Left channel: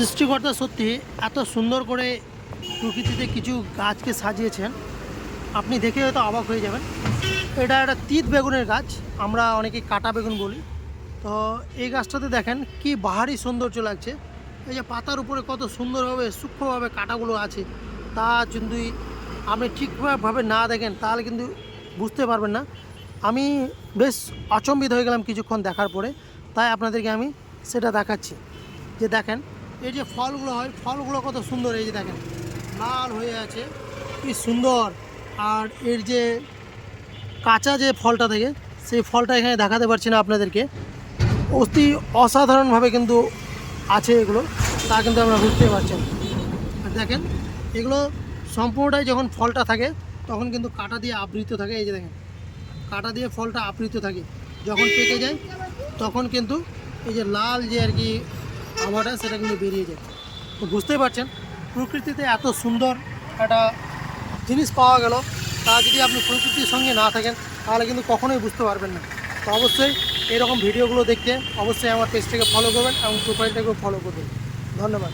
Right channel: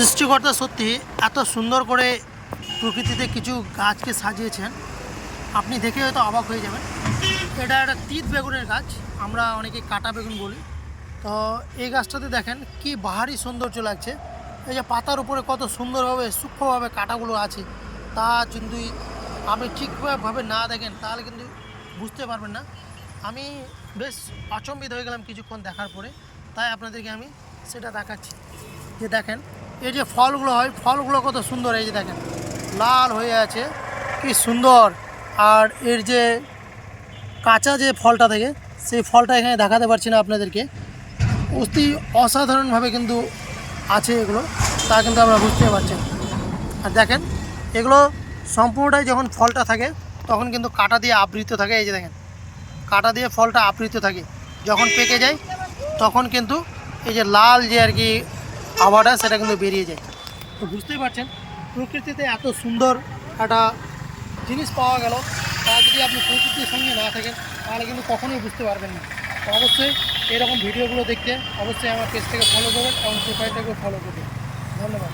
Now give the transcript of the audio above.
সৃষ্টিকর্তা সত্যি এত সুন্দর করে প্রকৃতিতে কিছু গাছকে সাজিয়েছেন, আপনি দেখে হয়তো অবাক হয়ে যাবেন। এটা একটা তিত বেগুনের গাছ, আমরা অনেকে কাটা বেগুন বলি। তো এই গাছটাতে দেখেন কি বাহারি সৌন্দর্য লাগছে। এই যে পাতার উপরে কত সুন্দরভাবে সূক্ষ্মভাবে কাটাগুলো আছে, তা যদি আপনি ঠিকভাবে না দেখেন তাহলে কিন্তু বুঝতে পারবেন না। আমি বেশ আচম্বিত হয়ে গেলাম কিছুক্ষণ দেখার পরে, তাই আপনাদেরকে আমি সেটা দেখাচ্ছি। যে দেখেন এই যে ফলগুলো হয়, ফলগুলো কত সুন্দর, এই যে দেখেন লাল হয়ে আছে, কি সুন্দর। আর এর যে কাঁচা যে ফলটা থাকে, সেই ফলটা এখানে দেখাতে পারছি না আপনাদেরকে, অতি অসাধারণভাবে কিন্তু আছে এগুলো, তা কিন্তু আপনারা বুঝতে পারছেন। আর দেখেন এগুলো সম্পূর্ণটাই যখন ফলটা থাকে তখন কিন্তু কাঁটা দিয়ে আবৃত থাকে। এই যে দেখেন কাঁটা দিয়ে ফলটা আবৃত থাকে, যখন পেকে যায় তখন কিন্তু এই যে লাল যে আর কি আভাটা সেটা কিন্তু বেরিয়ে যায়। তো বুঝতেই পারছেন প্রকৃতিতে এত সুন্দর একটা জিনিস পাওয়া গেল, তা যদি আপনি প্রকৃতির সঙ্গে না থাকেন তাহলে কিন্তু কখনোই বুঝতে পারবেন না। তো অবশ্যই এরকম ভিডিওগুলো দেখতে অবশ্যই আমার পেজটাকে ফলো করবেন এবং প্রোফাইলটাকেও ফলো করবেন। ধন্যবাদ।